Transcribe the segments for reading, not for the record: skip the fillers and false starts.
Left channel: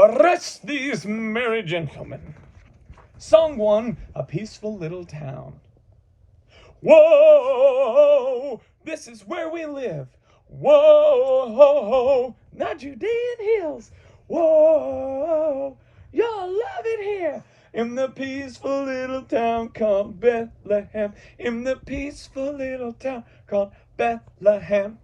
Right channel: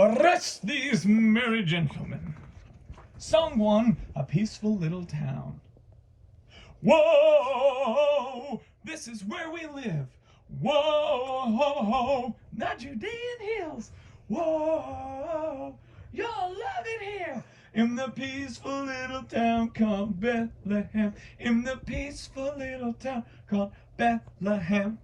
Arrest these merry gentlemen. Song 1, A Peaceful Little Town. Whoa, this is where we live. Whoa, the Judean hills. Whoa, you'll love it here. In the peaceful little town called Bethlehem. In the peaceful little town called Bethlehem.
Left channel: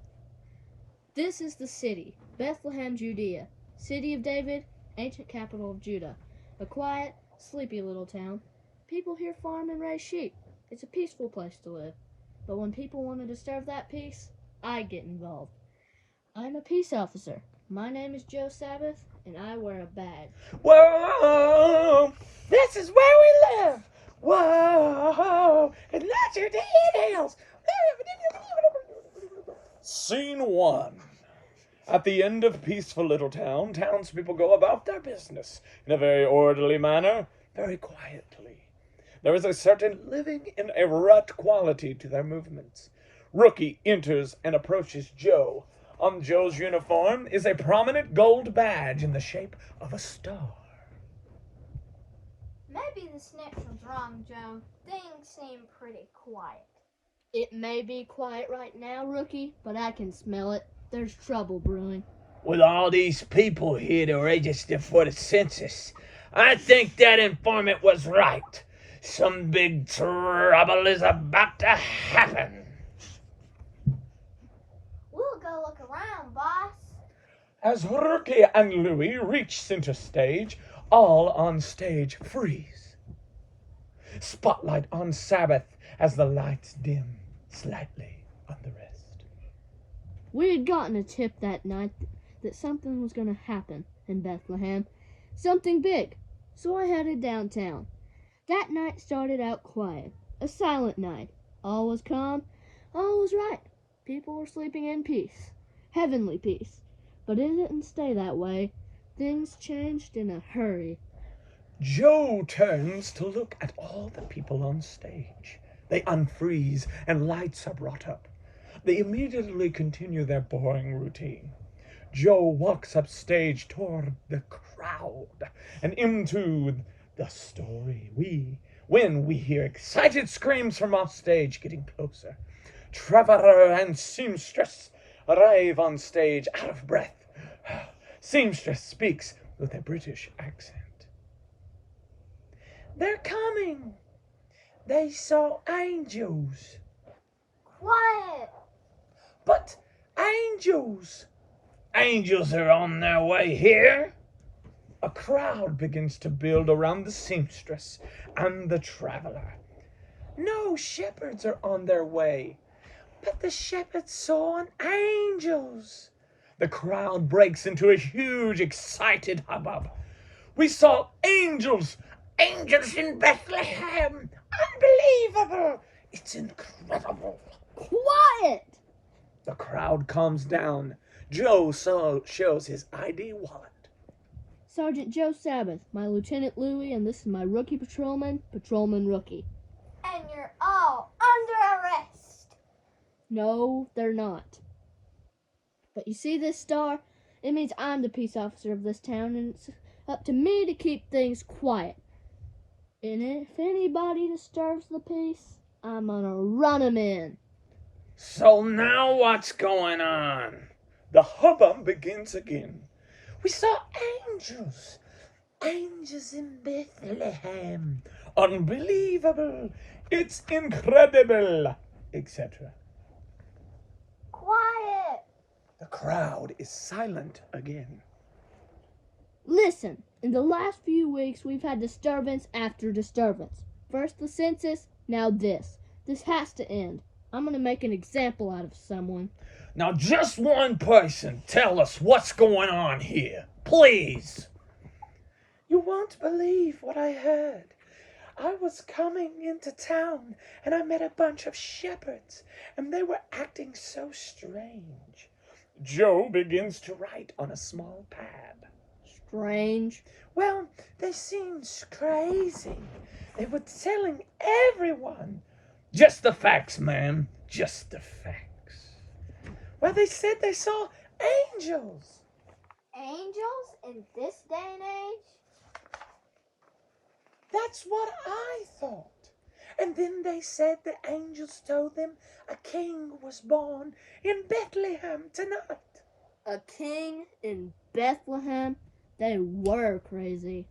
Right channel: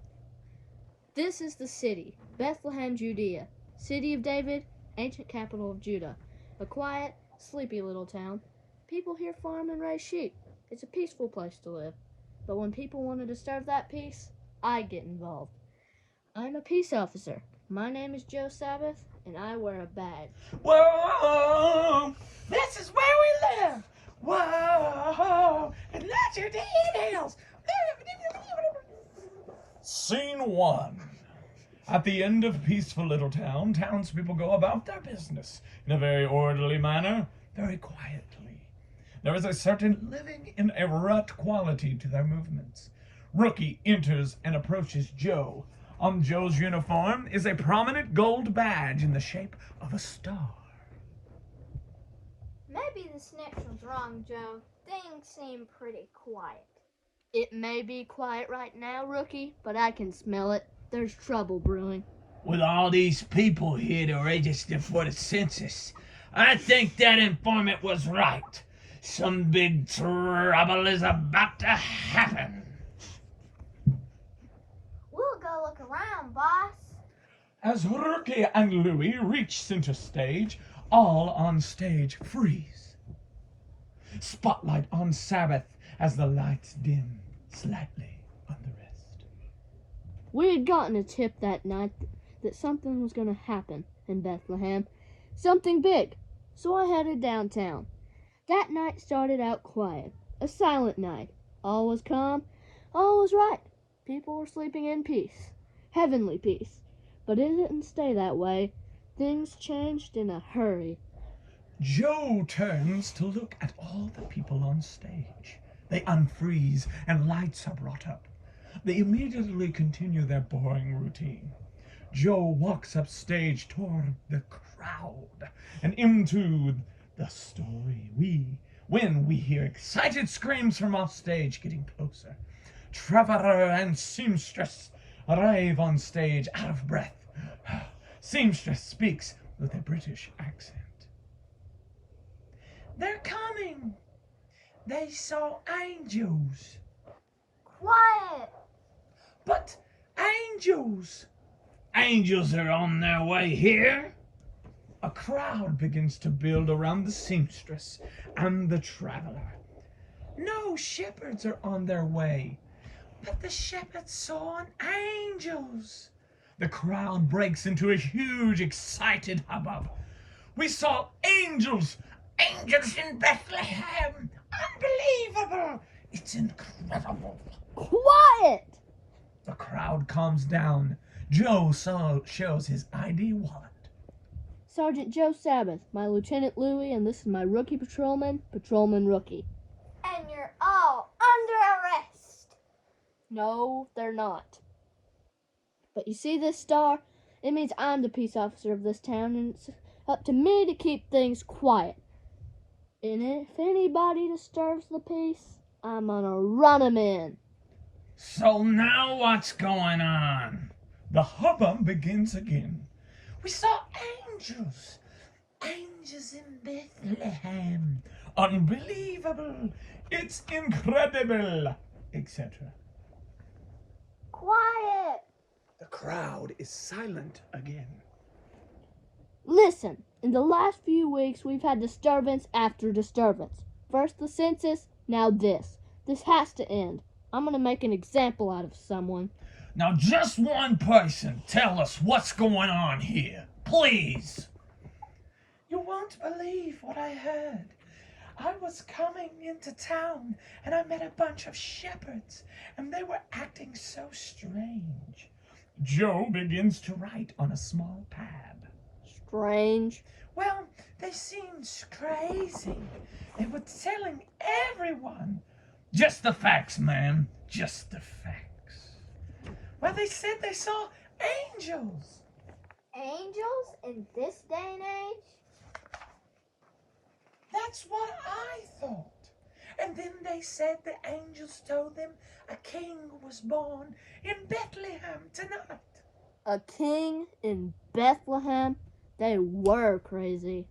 This is the city, Bethlehem, Judea, city of David, ancient capital of Judah. A quiet, sleepy little town. People here farm and raise sheep. It's a peaceful place to live. But when people want to disturb that peace, I get involved. I'm a peace officer. My name is Joe Sabbath, and I wear a badge. Whoa, this is where we live. Whoa, and that's your details. Scene 1. At the end of peaceful little town, townspeople go about their business in a very orderly manner, very quietly. There is a certain living in a rut quality to their movements. Rookie enters and approaches Joe. On Joe's uniform is a prominent gold badge in the shape of a star. Maybe this next one's wrong, Joe. Things seem pretty quiet. It may be quiet right now, Rookie, but I can smell it. There's trouble brewing. With all these people here to register for the census, I think that informant was right. Some big trouble is about to happen. We'll go look around, boss. As Rookie and Louie reach center stage, all on stage freeze. Spotlight on Sabbath as the lights dim slightly on the rest. We had gotten a tip that night that something was going to happen in Bethlehem. Something big. So I headed downtown. That night started out quiet. A silent night. All was calm. All was right. People were sleeping in peace. Heavenly peace. But it didn't stay that way. Things changed in a hurry. Joe turns to look at all the people on stage. They unfreeze and lights are brought up. They immediately continue their boring routine. Joe walks up stage toward the crowd and into the story. When we hear excited screams from off stage getting closer. Trevor and Seamstress arrive on stage out of breath. Seamstress speaks with a British accent. They're coming. They saw angels. Quiet. But angels. Angels are on their way here. A crowd begins to build around the seamstress and the traveler. No shepherds are on their way, but the shepherds saw angels. The crowd breaks into a huge, excited hubbub. We saw angels! Angels in Bethlehem! Unbelievable! It's incredible. Quiet! The crowd calms down. Joe shows his ID wallet. Sergeant Joe Sabbath, my Lieutenant Louie, and this is my rookie patrolman, Patrolman Rookie. And you're all under arrest. No, they're not. But you see this star? It means I'm the peace officer of this town, and it's up to me to keep things quiet. And if anybody disturbs the peace, I'm gonna run 'em in. So now what's going on? The hubbub begins again. We saw angels. Angels in Bethlehem. Unbelievable. It's incredible. Etc. Quiet. The crowd is silent again. Listen, in the last few weeks, we've had disturbance after disturbance. First the census, now this. This has to end. I'm gonna make an example out of someone. Now just one person tell us what's going on here, please. You won't believe what I heard. I was coming into town and I met a bunch of shepherds and they were acting so strange. Joe begins to write on a small pad. Strange. Well, they seemed crazy. They were telling everyone. Just the facts, man. Just the facts. Well, they said they saw angels. Angels in this day and That's what I thought. And then they said the angels told them a king was born in Bethlehem tonight. A king in Bethlehem? They were crazy.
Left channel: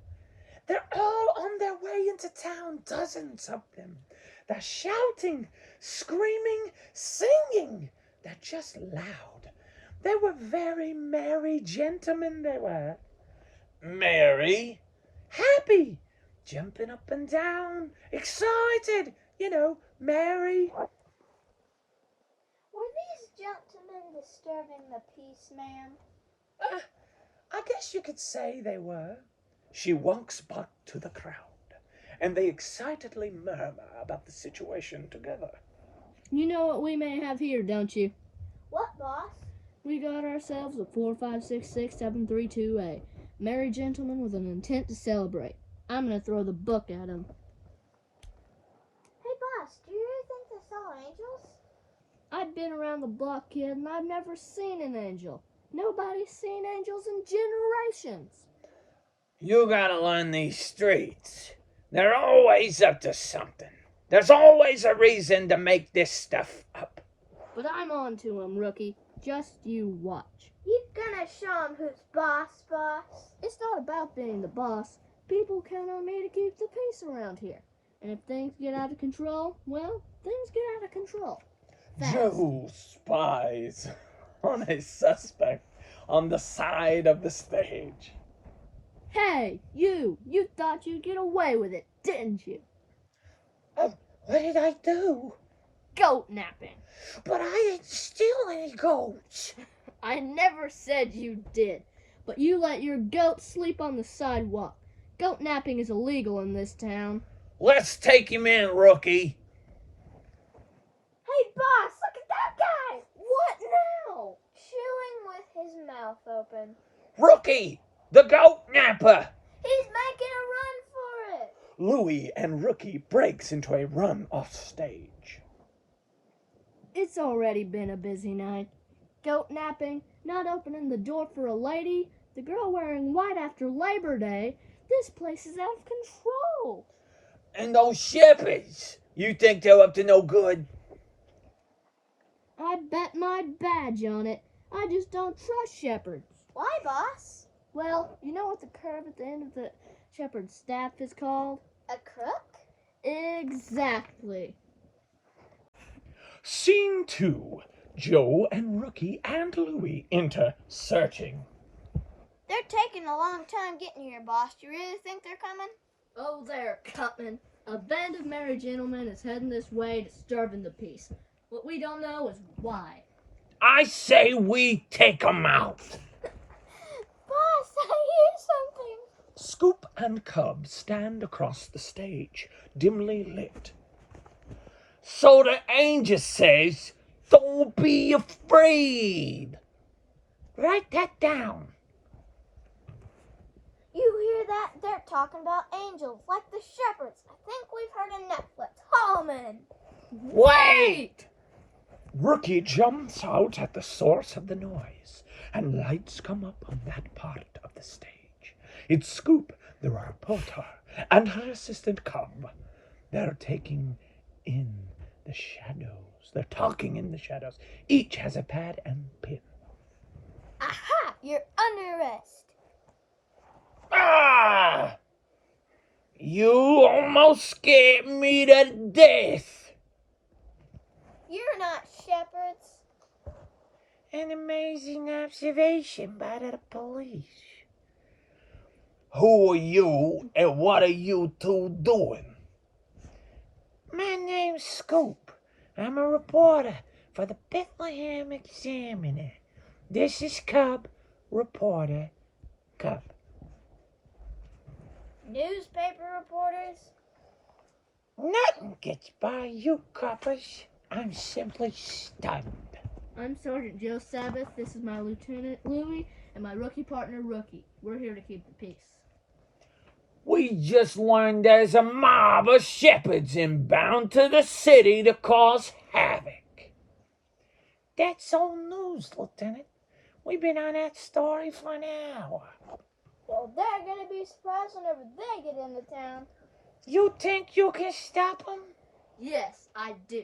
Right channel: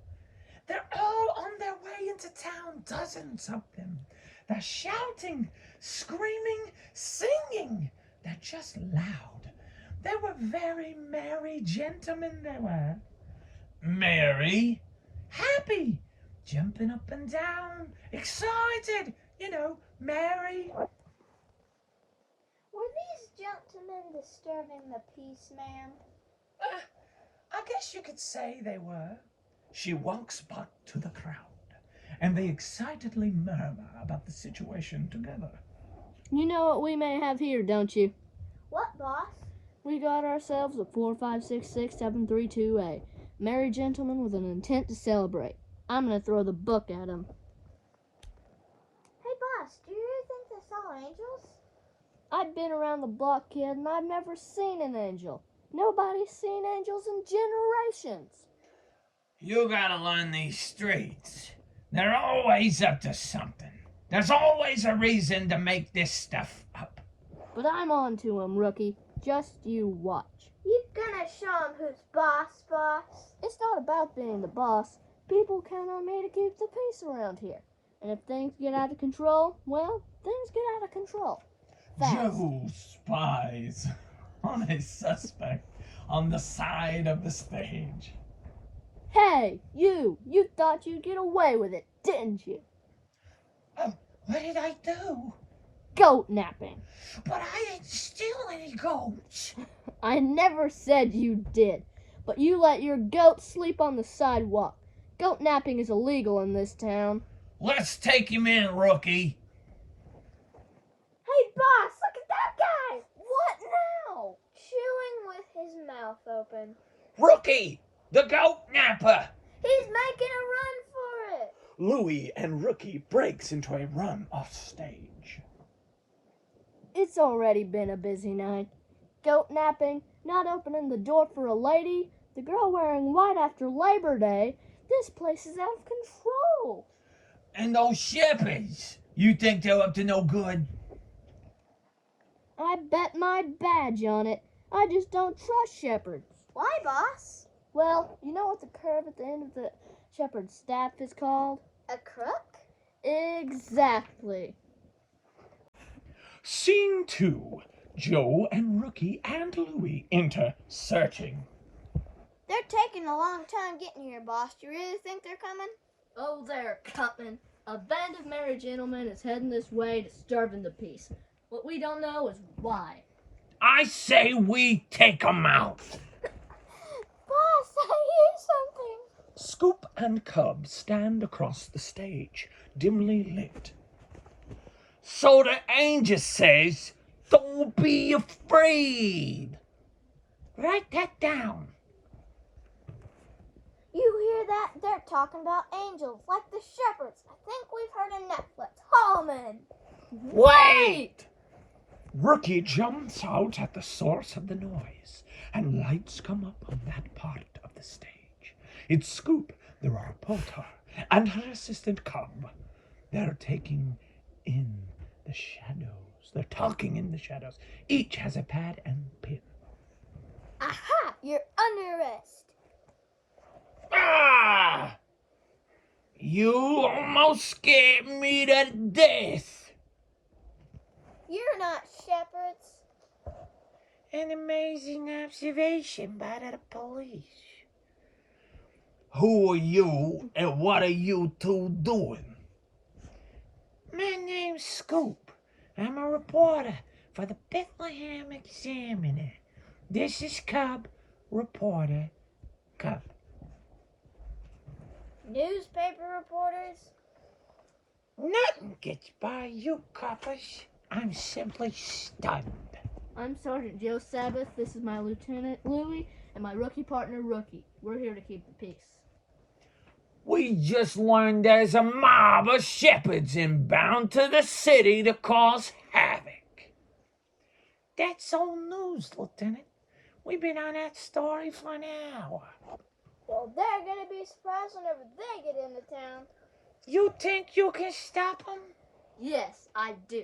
They're all on their way into town, dozens of them. They're shouting, screaming, singing. They're just loud. They were very merry gentlemen, they were. Merry? Happy, jumping up and down, excited, merry. Were these gentlemen disturbing the peace, ma'am? I guess you could say they were. She walks back to the crowd, and they excitedly murmur about the situation together. You know what we may have here, don't you? What, boss? We got ourselves a 4566732A. Merry gentlemen with an intent to celebrate. I'm gonna throw the book at him. Hey, boss, do you really think they saw angels? I've been around the block, kid, and I've never seen an angel. Nobody's seen angels in generations. You gotta learn these streets. They're always up to something. There's always a reason to make this stuff up. But I'm on to him, rookie. Just you watch. You gonna show 'em who's boss? It's not about being the boss. People count on me to keep the peace around here. And if things get out of control, well, things get out of control. Fast. Joe spies on a suspect on the side of the stage. Hey, you thought you'd get away with it, didn't you? What did I do? Goat napping. But I didn't steal any goats. I never said you did, but you let your goat sleep on the sidewalk. Goat napping is illegal in this town. Let's take him in, rookie. Hey, boss, look at that guy! What now? Chewing with his mouth open. Rookie, the goat napper. He's making a run for it! Louie and Rookie breaks into a run off stage. It's already been a busy night. Goat napping, not opening the door for a lady, the girl wearing white after Labor Day. This place is out of control. And those shepherds. You think they're up to no good? I bet my badge on it. I just don't trust shepherds. Why, boss? Well, you know what the curve at the end of the shepherd's staff is called? A crook? Exactly. Scene 2. Joe and Rookie and Louie enter searching. They're taking a long time getting here, boss. Do you really think they're coming? Oh, they're coming. A band of merry gentlemen is heading this way, disturbing the peace. What we don't know is why. I say we take 'em out. Boss, I hear something. Scoop and Cub stand across the stage, dimly lit. So the angel says, don't be afraid. Write that down. You hear that? They're talking about angels, like the shepherds. I think we've heard in Netflix. Hallman. Wait! Rookie jumps out at the source of the noise, and lights come up on that part of the stage. It's Scoop, the reporter, and her assistant Cub. They're taking in the shadows. They're talking in the shadows. Each has a pad and pen. Aha! You're under arrest. Ah! You almost scared me to death. You're not shepherds. An amazing observation by the police. Who are you and what are you two doing? My name's Scoop. I'm a reporter for the Bethlehem Examiner. This is Cub, reporter Cub. Newspaper reporters? Nothing gets by you coppers. I'm simply stunned. I'm Sergeant Joe Sabbath. This is my Lieutenant Louie and my rookie partner Rookie. We're here to keep the peace. We just learned there's a mob of shepherds inbound to the city to cause havoc. That's old news, Lieutenant. We've been on that story for an hour. Well, they're gonna be surprised whenever they get into town. You think you can stop him? Yes, I do.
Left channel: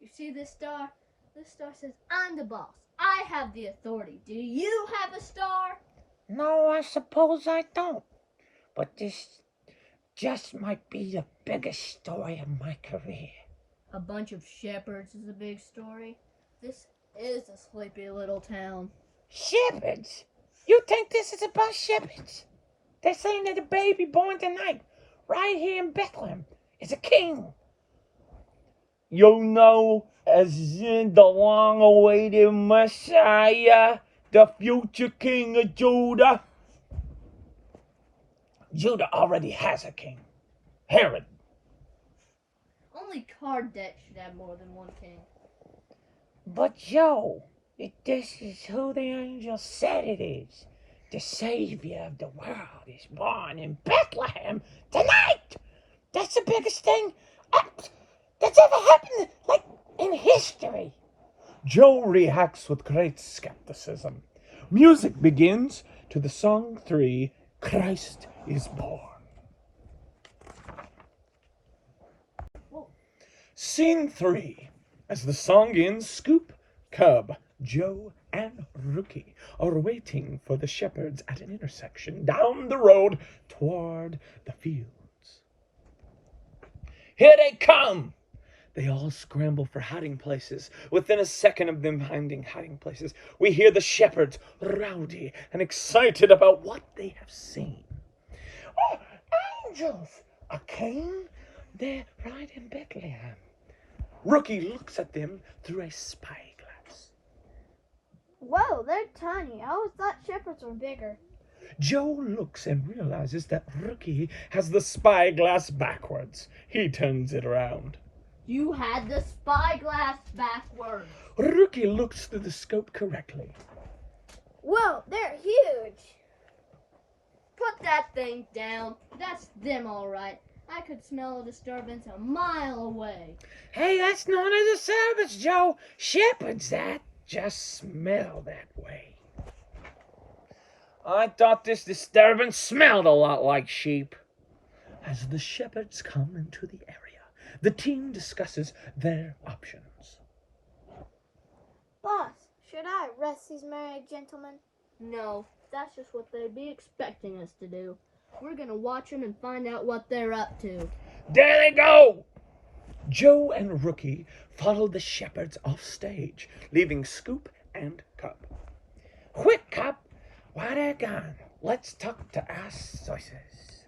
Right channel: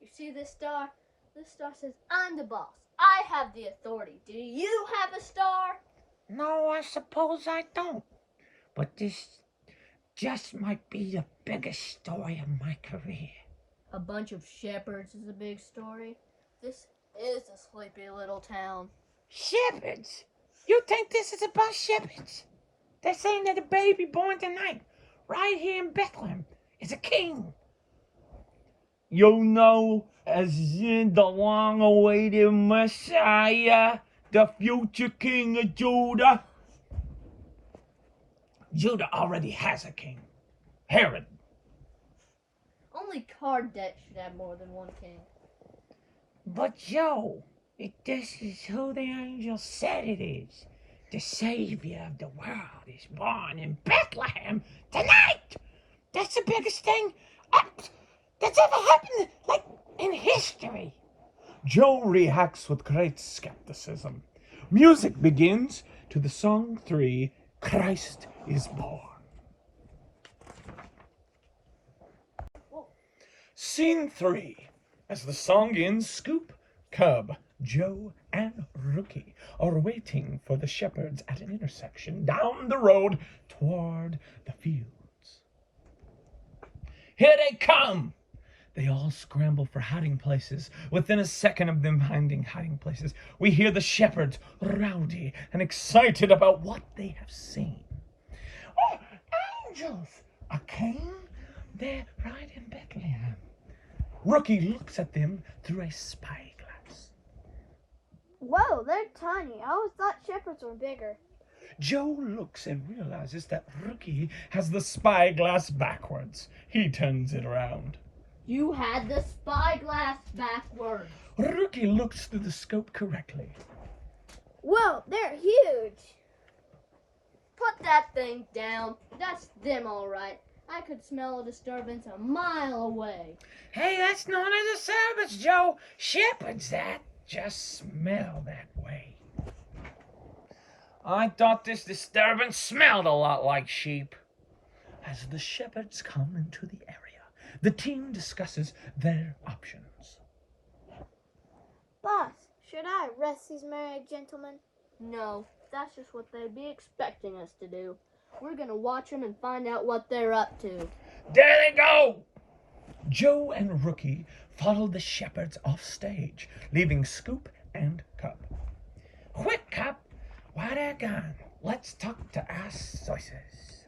You see this star? This star says I'm the boss. I have the authority. Do you have a star? No, I suppose I don't. But this just might be the biggest story of my career. A bunch of shepherds is a big story. This is a sleepy little town. Shepherds? You think this is about shepherds? They're saying that a baby born tonight, right here in Bethlehem, is a king. You know, as in the long-awaited Messiah, the future king of Judah. Judah already has a king, Herod. Only Kardec should have more than one king. But Joe, this is who the angel said it is. The Savior of the world is born in Bethlehem tonight. That's the biggest thing that's ever happened, like, in history. Joe reacts with great skepticism. Music begins to the song 3, Christ is Born. Scene 3. As the song ends, Scoop, Cub, Joe, and Rookie are waiting for the shepherds at an intersection down the road toward the fields. Here they come! They all scramble for hiding places. Within a second of them finding hiding places, we hear the shepherds rowdy and excited about what they have seen. Oh, angels! A king? They're right in Bethlehem. Rookie looks at them through a spyglass. Whoa, they're tiny. I always thought shepherds were bigger. Joe looks and realizes that Rookie has the spyglass backwards. He turns it around. You had the spyglass backwards. Rookie looks through the scope correctly. Whoa, they're huge. Put that thing down. That's them all right. I could smell a disturbance a mile away. Hey, that's known as a disturbance, Joe. Shepherds that just smell that way. I thought this disturbance smelled a lot like sheep. As the shepherds come into the area, the team discusses their options. Boss, should I arrest these married gentlemen? No, that's just what they'd be expecting us to do. We're gonna watch them and find out what they're up to. There they go! Joe and Rookie follow the shepherds off stage, leaving Scoop and Cub. Quick, Cub! While they're gone, let's talk to our sources.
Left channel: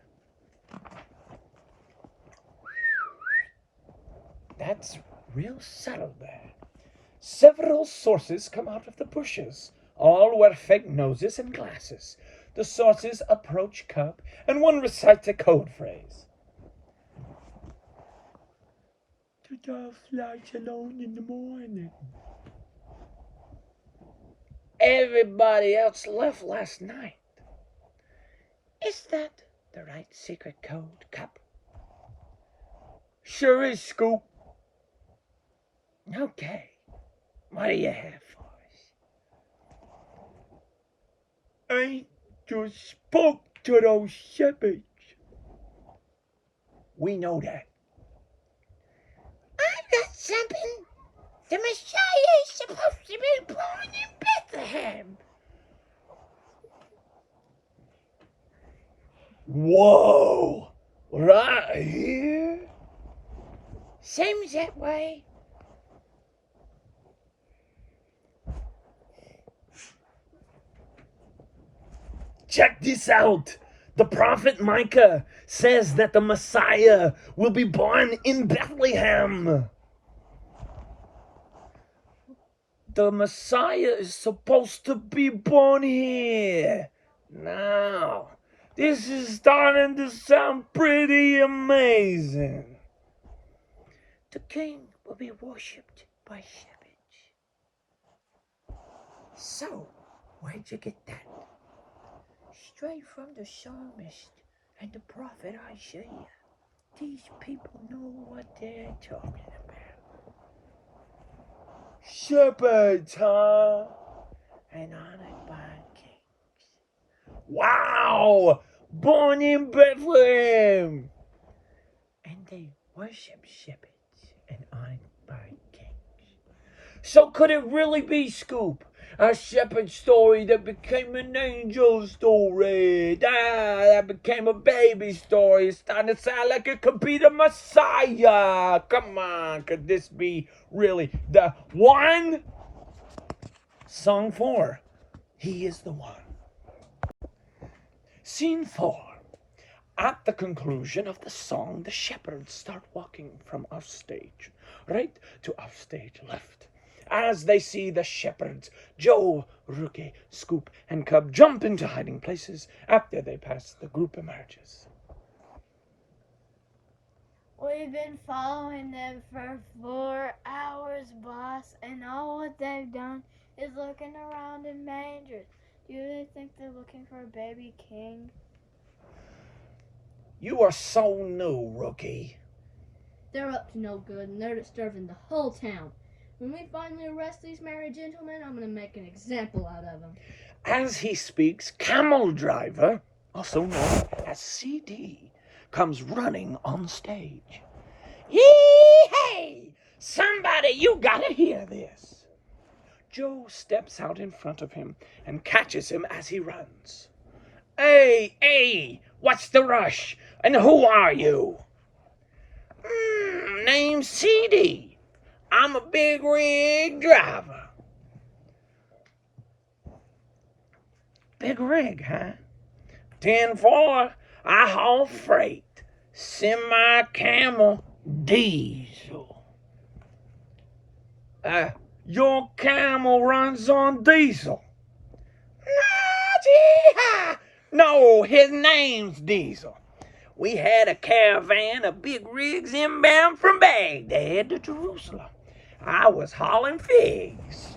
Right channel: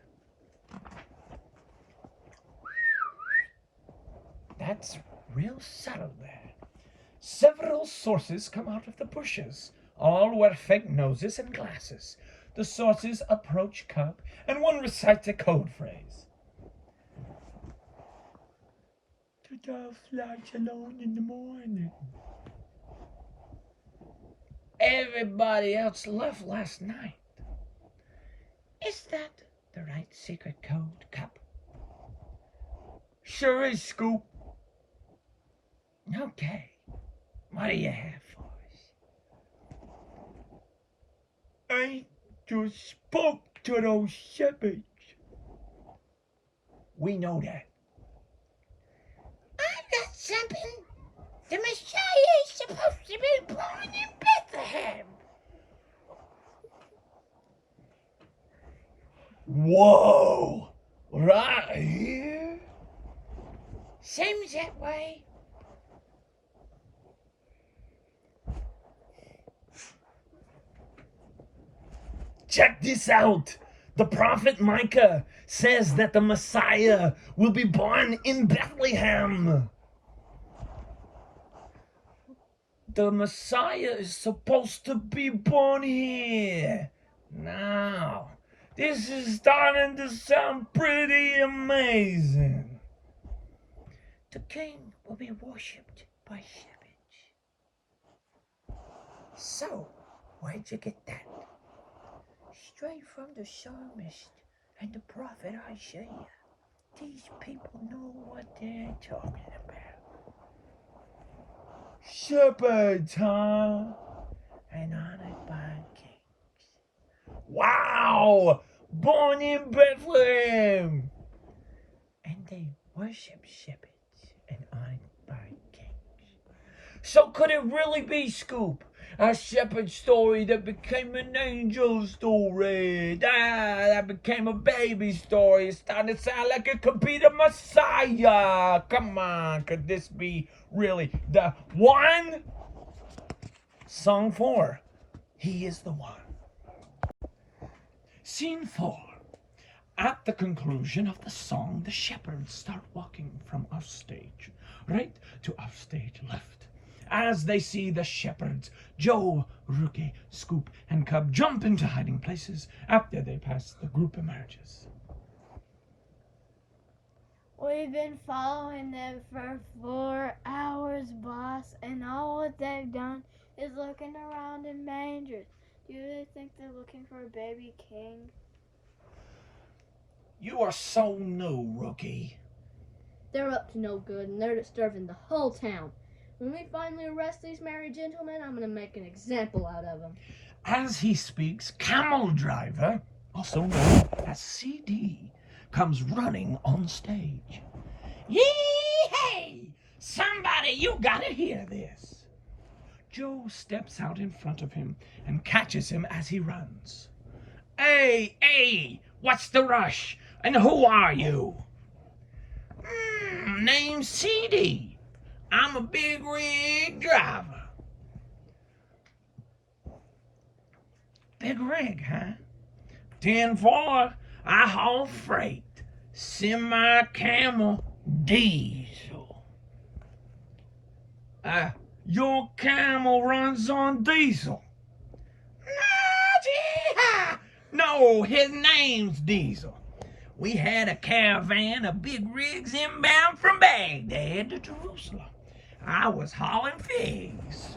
That's real subtle there. Several sources come out of the bushes. All wear fake noses and glasses. The sources approach Cub, and one recites a code phrase. The dove flies alone in the morning. Everybody else left last night. Is that the right secret code, Cub? Sure is, Scoop. Okay. What do you have for us? I just spoke to those shepherds. We know that. I've got something. The Messiah is supposed to be born in Bethlehem. Whoa! Right here? Seems that way. Check this out. The prophet Micah says that the Messiah will be born in Bethlehem. The Messiah is supposed to be born here. Now, this is starting to sound pretty amazing. The king will be worshipped by shepherds. So, where'd you get that? Straight from the psalmist and the prophet Isaiah. These people know what they're talking about. Shepherds, huh? And honored by kings. Wow! Born in Bethlehem! they worship shepherds and aren't by kings. So could it really be, Scoop? A shepherd story that became an angel story. That became a baby story. It's starting to sound like it could be the Messiah. Come on, could this be really the one? Song 4. He is the one. Scene 4. At the conclusion of the song, the shepherds start walking from off stage, right to off stage left. As they see the shepherds, Joe, Rookie, Scoop, and Cub jump into hiding places. After they pass, the group emerges. We've been following them for 4 hours, boss, and all what they've done is looking around in manger. You really think they're looking for a baby king? You are so new, Rookie. They're up to no good, and they're disturbing the whole town. When we finally arrest these merry gentlemen, I'm going to make an example out of them. As he speaks, Camel Driver, also known as CD, comes running on stage. Yee-hey! Somebody, you gotta hear this. Joe steps out in front of him and catches him as he runs. Hey, what's the rush? And who are you? Name's CD. I'm a big rig driver. Big rig, huh? 10-4, I haul freight. Semi-camel diesel. Your camel runs on diesel. No, his name's Diesel. We had a caravan of big rigs inbound from Baghdad to Jerusalem. I was hauling figs.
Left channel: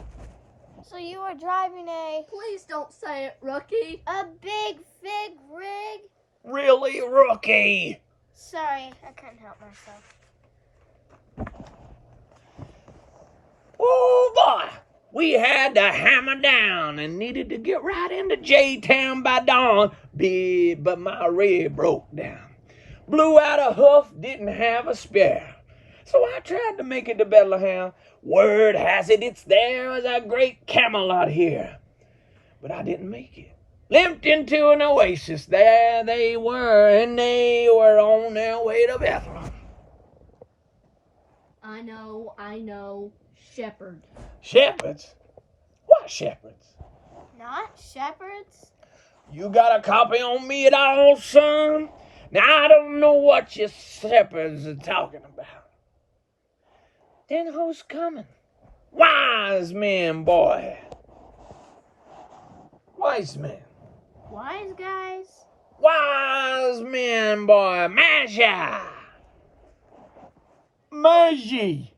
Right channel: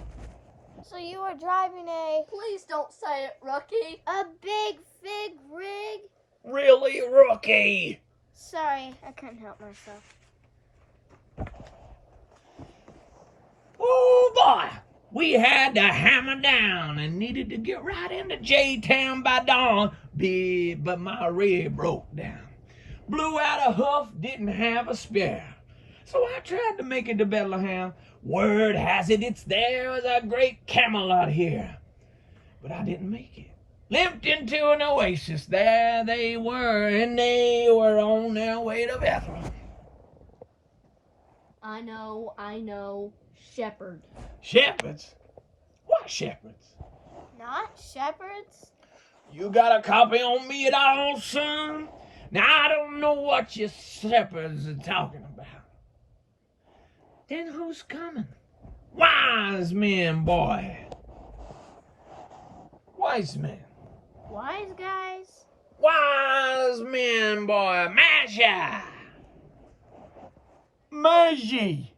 So you were driving a Please don't say it, Rookie. big fig rig? Really, Rookie? Sorry, I couldn't help myself. Oh, boy. We had to hammer down and needed to get right into J-Town by dawn. But my rig broke down. Blew out a hoof, didn't have a spare. So I tried to make it to Bethlehem. Word has it, it's there as a great Camelot here. But I didn't make it. Limped into an oasis. There they were, and they were on their way to Bethlehem. I know. Shepherd. Shepherds? What shepherds? Not shepherds? You got a copy on me at all, son? Now, I don't know what your shepherds are talking about. Then who's coming? Wise men, boy. Wise men. Wise guys? Wise men, boy. Magi. Magi.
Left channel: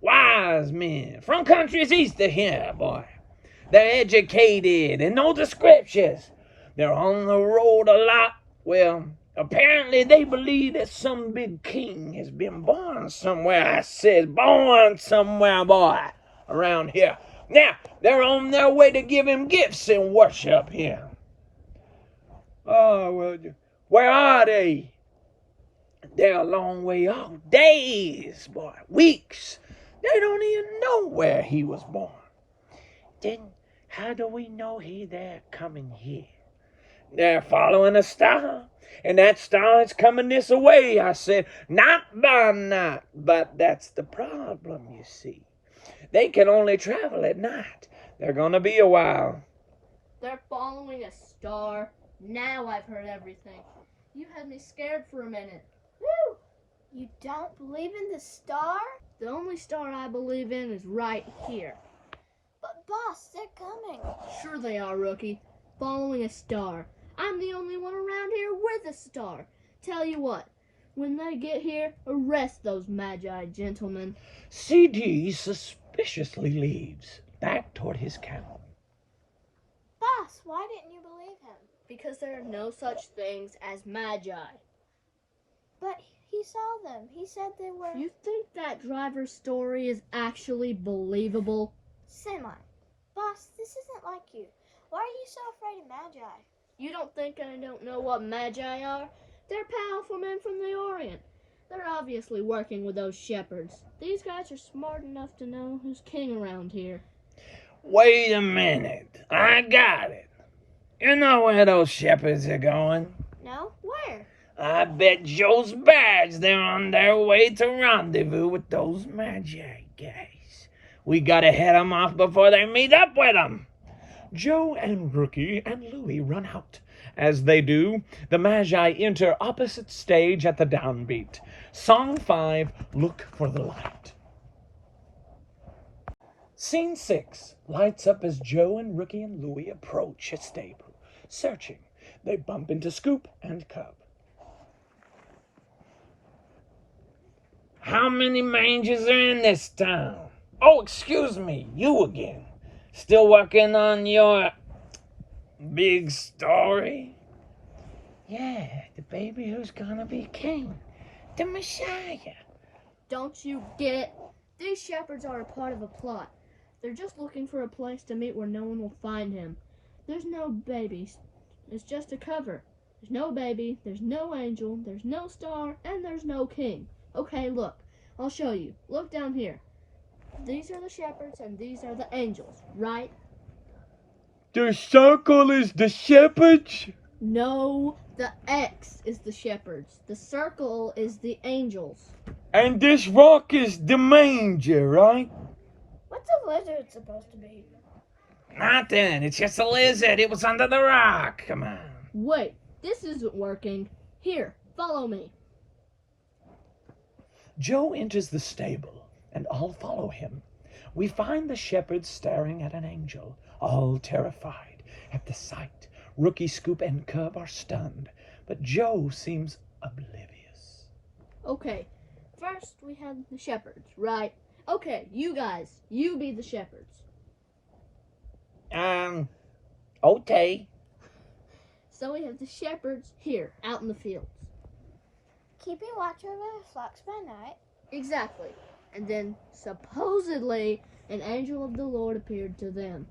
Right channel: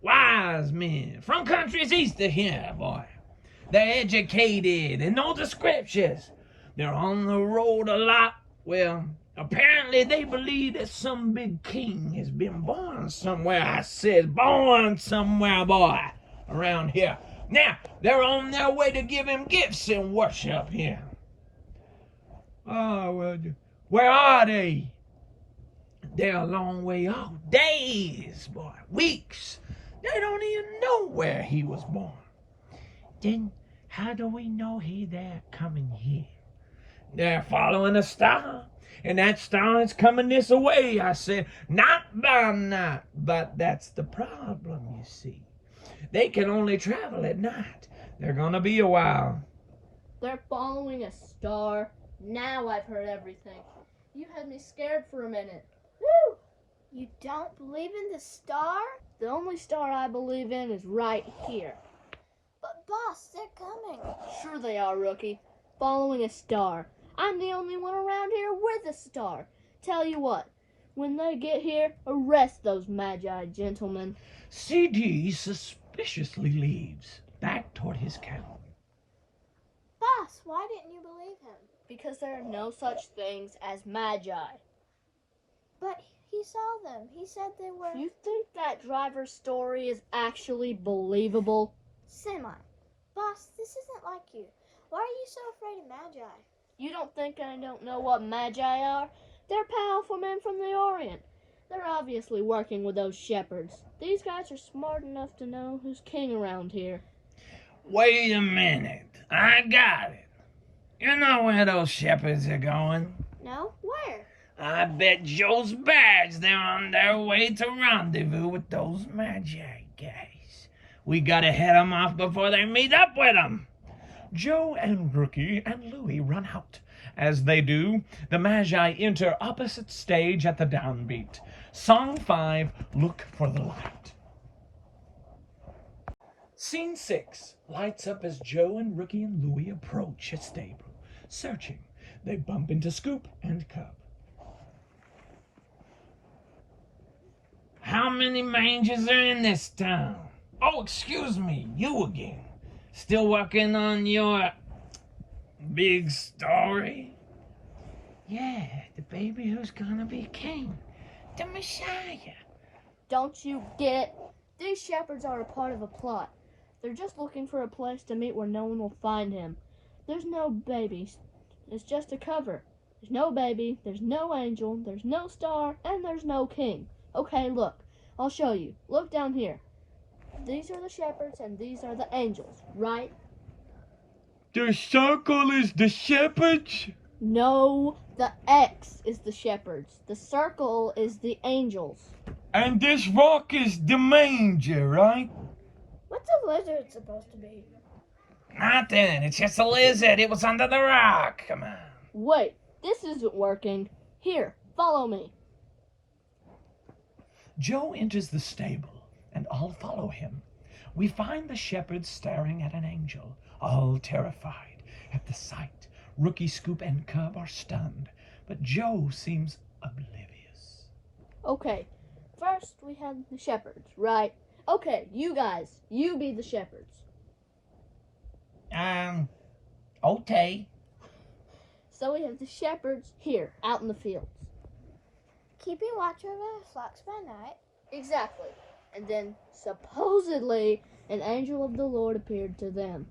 Wise men. From countries east of here, boy. They're educated and know the scriptures. They're on the road a lot. Well, apparently they believe that some big king has been born somewhere. I said born somewhere, boy, around here. Now, they're on their way to give him gifts and worship him. Oh, well, where are they? They're a long way off. Days, boy, weeks. They don't even know where he was born. Then how do we know they're coming here? They're following a star, and that star is coming this way. I said, not by night, but that's the problem, you see. They can only travel at night. They're gonna be a while. They're following a star. Now I've heard everything. You had me scared for a minute. Woo! You don't believe in the star? The only star I believe in is right here. But boss, they're coming. Sure they are, Rookie. Following a star. I'm the only one around here with a star. Tell you what, when they get here, arrest those Magi gentlemen. CD suspiciously leaves, back toward his camel. Boss, why didn't you believe him? Because there are no such things as Magi. But he saw them. He said they were You think that driver's story is actually believable? semi. Boss, this isn't like you. Why are you so afraid of Magi? You don't think I don't know what Magi are? They're powerful men from the Orient. They're obviously working with those shepherds. These guys are smart enough to know who's king around here. Wait a minute. I got it. You know where those shepherds are going? No? Where? I bet Joe's badge they're on their way to rendezvous with those Magi guys. We gotta head 'em off before they meet up with 'em. Joe and Rookie and Louie run out. As they do, the Magi enter opposite stage at the downbeat. Song 5, Look for the Light. Scene 6 lights up as Joe and Rookie and Louie approach a stable. Searching, they bump into Scoop and Cub. How many mangers are in this town? Oh, excuse me, you again. Still working on your big story? Yeah, the baby who's gonna be king. The Messiah. Don't you get it? These shepherds are a part of a plot. They're just looking for a place to meet where no one will find him. There's no babies. It's just a cover. There's no baby, there's no angel, there's no star, and there's no king. Okay, look. I'll show you. Look down here. These are the shepherds and these are the angels, right? The circle is the shepherds? No, the X is the shepherds. The circle is the angels. And this rock is the manger, right? What's a lizard supposed to be? Nothing, it's just a lizard. It was under the rock. Come on. Wait, this isn't working. Here, follow me. Joe enters the stable, and all follow him. We find the shepherds staring at an angel, all terrified at the sight. Rookie, Scoop, and Cub are stunned, but Joe seems oblivious. Okay, first we have the shepherds, right? Okay, you guys, you be the shepherds. Okay. So we have the shepherds here, out in the fields. Keeping watch over the flocks by night. Exactly. And then, supposedly, an angel of the Lord appeared to them.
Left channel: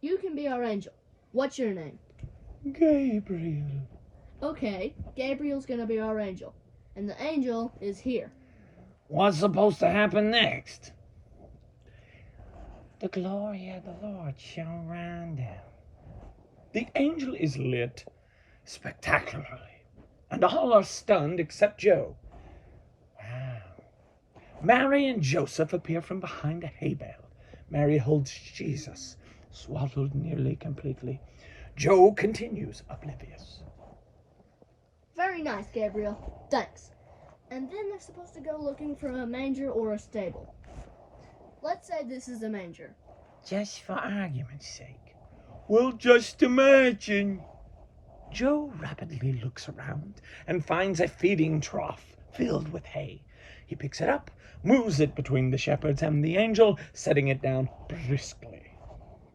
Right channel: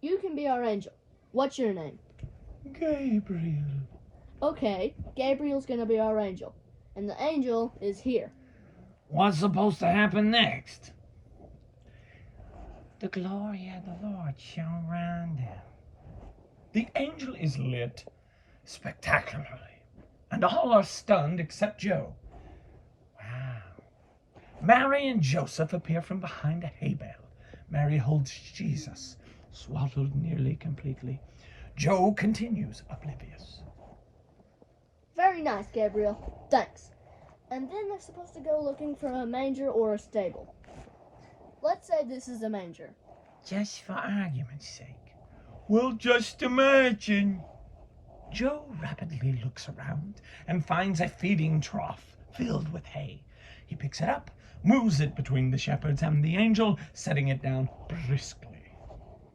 You can be our angel. What's your name? Gabriel. Okay, Gabriel's gonna be our angel. And the angel is here. What's supposed to happen next? The glory of the Lord shone round them. The angel is lit spectacularly, and all are stunned except Joe. Wow. Mary and Joseph appear from behind a hay bale. Mary holds Jesus, swallowed nearly completely. Joe continues oblivious. Very nice, Gabriel. Thanks. And then they're supposed to go looking for a manger or a stable. Let's say this is a manger. Just for argument's sake. Well, just imagine. Joe rapidly looks around and finds a feeding trough filled with hay. He picks it up, moves it between the shepherds and the angel, setting it down briskly.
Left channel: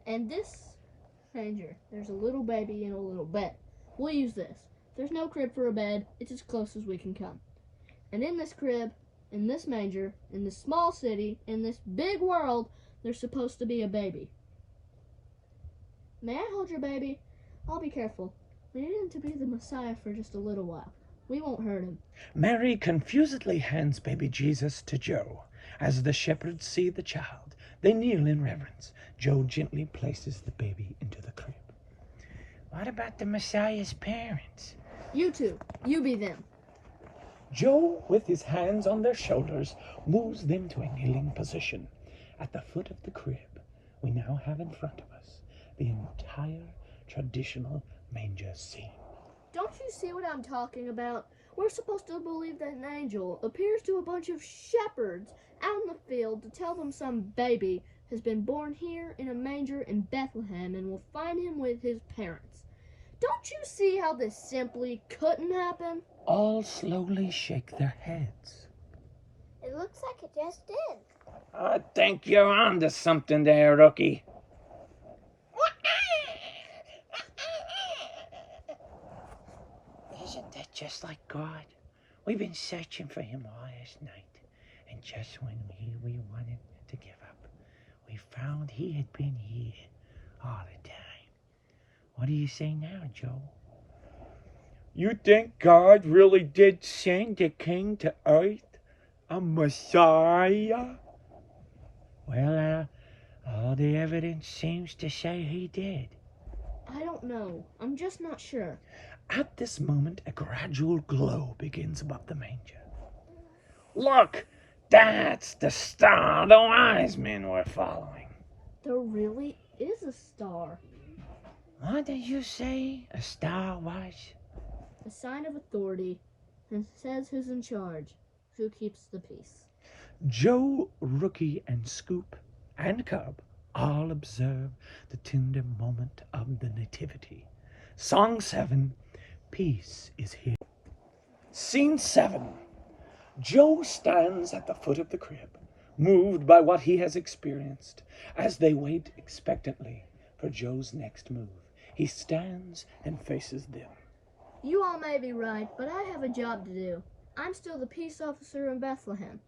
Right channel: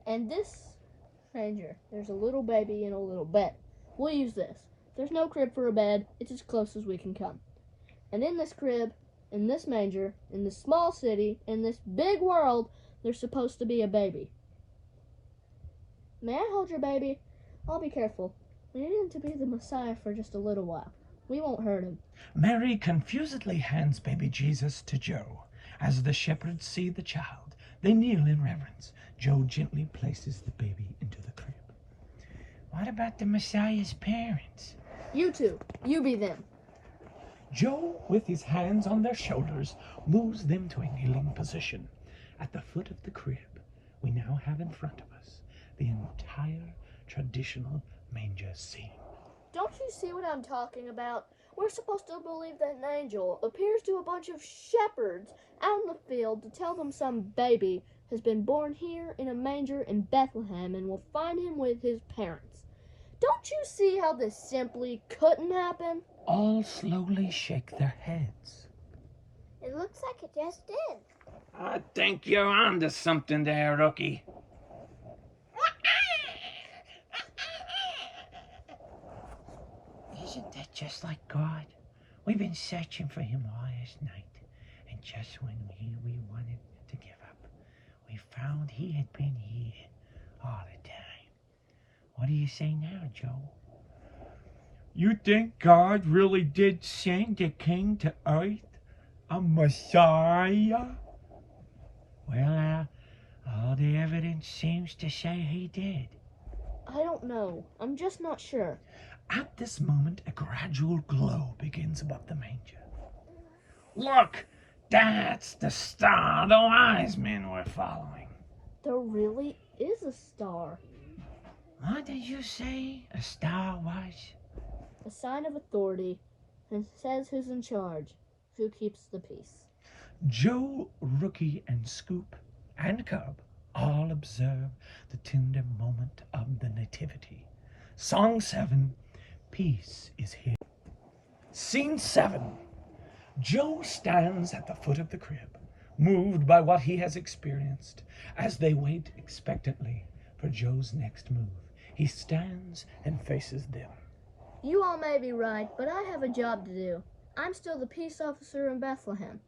And this manger, there's a little baby in a little bed. We'll use this. There's no crib for a bed. It's as close as we can come. And in this crib, in this manger, in this small city, in this big world, there's supposed to be a baby. May I hold your baby? I'll be careful. We need him to be the Messiah for just a little while. We won't hurt him. Mary confusedly hands baby Jesus to Joe. As the shepherds see the child, they kneel in reverence. Joe gently places the baby into the crib. What about the Messiah's parents? You two, you be them. Joe, with his hands on their shoulders, moves them to a kneeling position. At the foot of the crib, we now have in front of us the entire traditional manger scene. Don't you see what I'm talking about? We're supposed to believe that an angel appears to a bunch of shepherds out in the field to tell them some baby has been born here in a manger in Bethlehem and will find him with his parents. Don't you see how this simply couldn't happen? All slowly shake their heads. It looks like it just did. I think you're onto something there, Rookie. Isn't that just like God? We've been searching for him all this night, and just when we wanted to give up, we found he had been here all the time. What do you say now, Joe? You think God really did send a king to earth? A Messiah? Well, all the evidence seems to say he did. I don't know. I'm just not sure. At this moment, a gradual glow begins above the manger. Look, that's the star the wise men were following. There really is a star. What did you say a star was? A sign of authority, and says who's in charge, who keeps the peace. Joe, Rookie, and Scoop, and Cub all observe the tender moment of the Nativity. Song 7, Peace is Here. Scene 7. Joe stands at the foot of the crib, moved by what he has experienced. As they wait expectantly for Joe's next move, he stands and faces them. You all may be right, but I have a job to do. I'm still the peace officer in Bethlehem.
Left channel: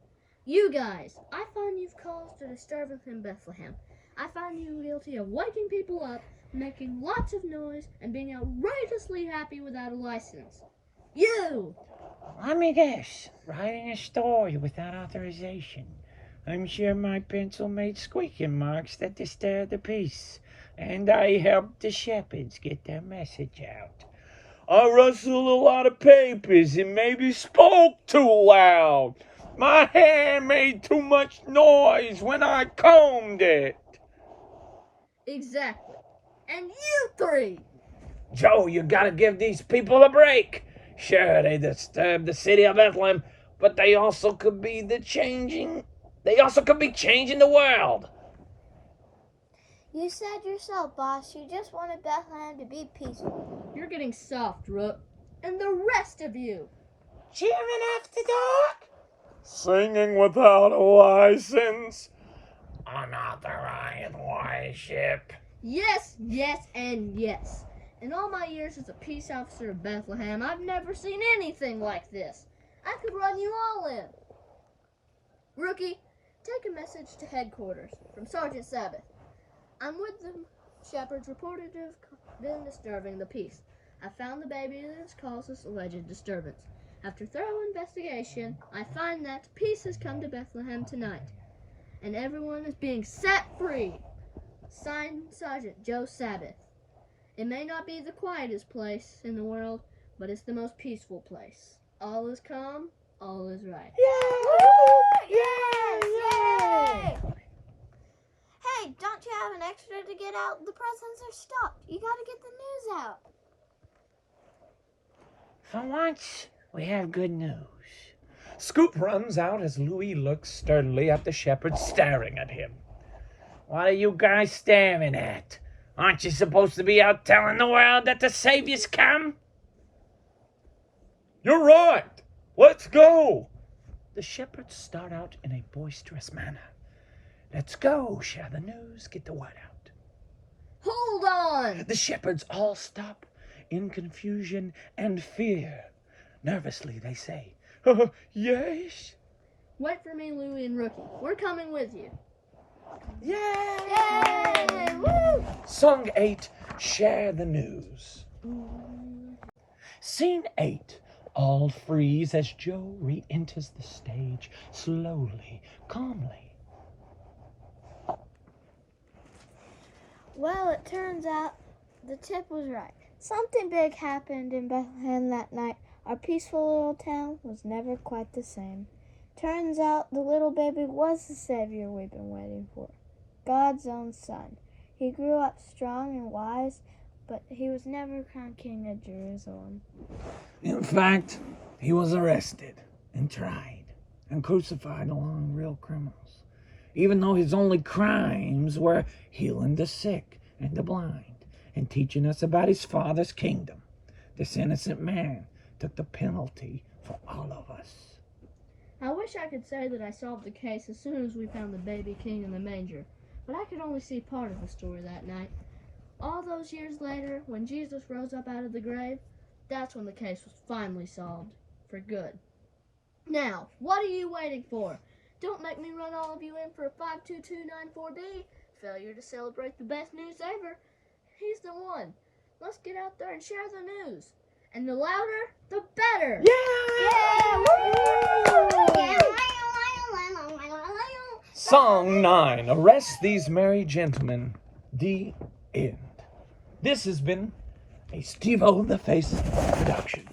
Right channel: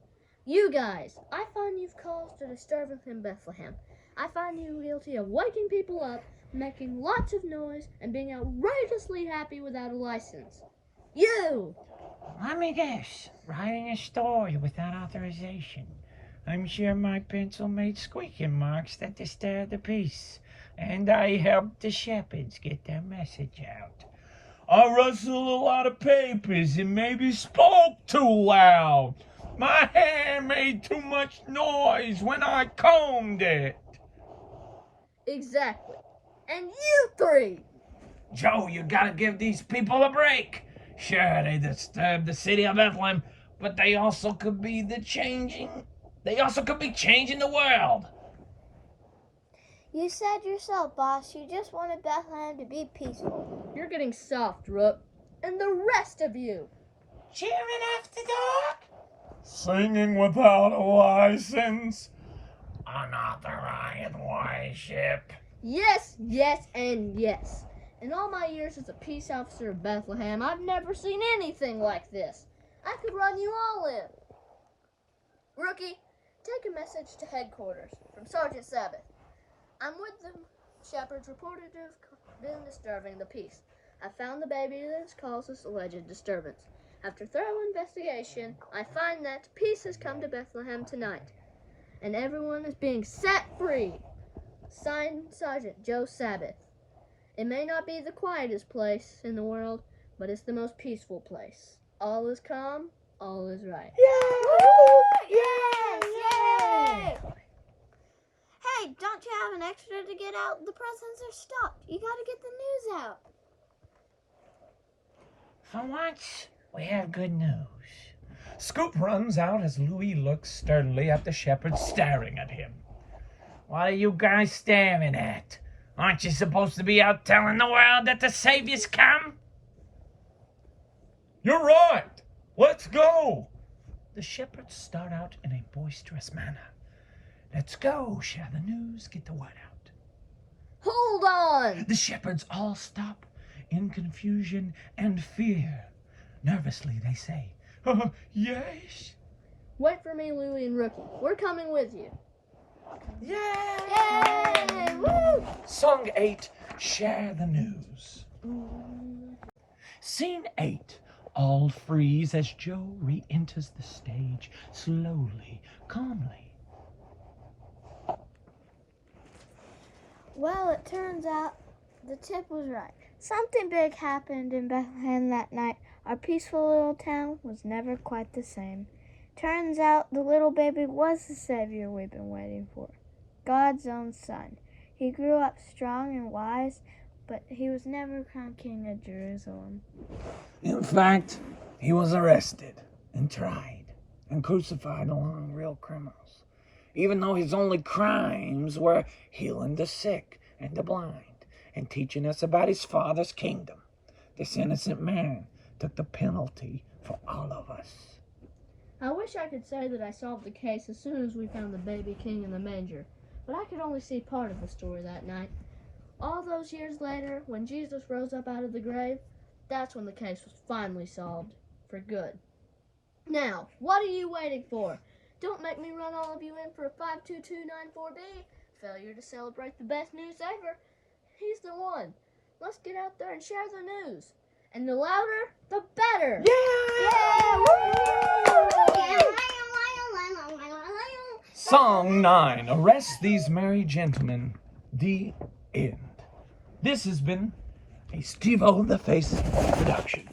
You guys, I find you've caused a disturbance in Bethlehem. I find you guilty of waking people up, making lots of noise, and being outrageously happy without a license. You! Let me guess. Writing a story without authorization. I'm sure my pencil made squeaking marks that disturbed the peace, and I helped the shepherds get their message out. I rustled a lot of papers and maybe spoke too loud. My hair made too much noise when I combed it. Exactly. And you three! Joe, you gotta give these people a break. Sure, they disturbed the city of Bethlehem, but they also could be changing the world. You said yourself, boss, you just wanted Bethlehem to be peaceful. You're getting soft, Rook. And the rest of you! Cheering after dark? Singing without a license. Unauthorized worship. Yes, yes, and yes. In all my years as a peace officer of Bethlehem, I've never seen anything like this. I could run you all in. Rookie, take a message to headquarters from Sergeant Sabbath. I'm with the shepherds reported to have been disturbing the peace. I found the baby that has caused this alleged disturbance. After thorough investigation, I find that peace has come to Bethlehem tonight, and everyone is being set free. Signed, Sergeant Joe Sabbath. It may not be the quietest place in the world, but it's the most peaceful place. All is calm, all is right. Hey, don't you have an extra to get out? The presents are stopped. You gotta get the news out. For once, we have good news. Scoop runs out as Louis looks sternly at the shepherds staring at him. What are you guys staring at? Aren't you supposed to be out telling the world that the Savior's come? You're right. Let's go. The shepherds start out in a boisterous manner. Let's go, share the news, get the word out. Hold on! The shepherds all stop in confusion and fear. Nervously they say, yes? Wait for me, Louie and Rookie. We're coming with you. Yay! Song 8, Share the News. Scene 8. All freeze as Joe re-enters the stage, slowly, calmly. Well, it turns out the tip was right. Something big happened in Bethlehem that night. Our peaceful little town was never quite the same. Turns out the little baby was the Savior we've been waiting for. God's own son. He grew up strong and wise, but he was never crowned king of Jerusalem. In fact, he was arrested and tried and crucified along real criminals, even though his only crimes were healing the sick and the blind and teaching us about his Father's kingdom. This innocent man took the penalty for all of us. I wish I could say that I solved the case as soon as we found the baby king in the manger, but I could only see part of the story that night. All those years later, when Jesus rose up out of the grave, that's when the case was finally solved. For good. Now, what are you waiting for? Don't make me run all of you in for a 52294B. Failure to celebrate the best news ever. He's the one. Let's get out there and share the news. And the louder, the better. Song 9, Arrest These Merry Gentlemen. The end. This has been a Steve-O the Face production.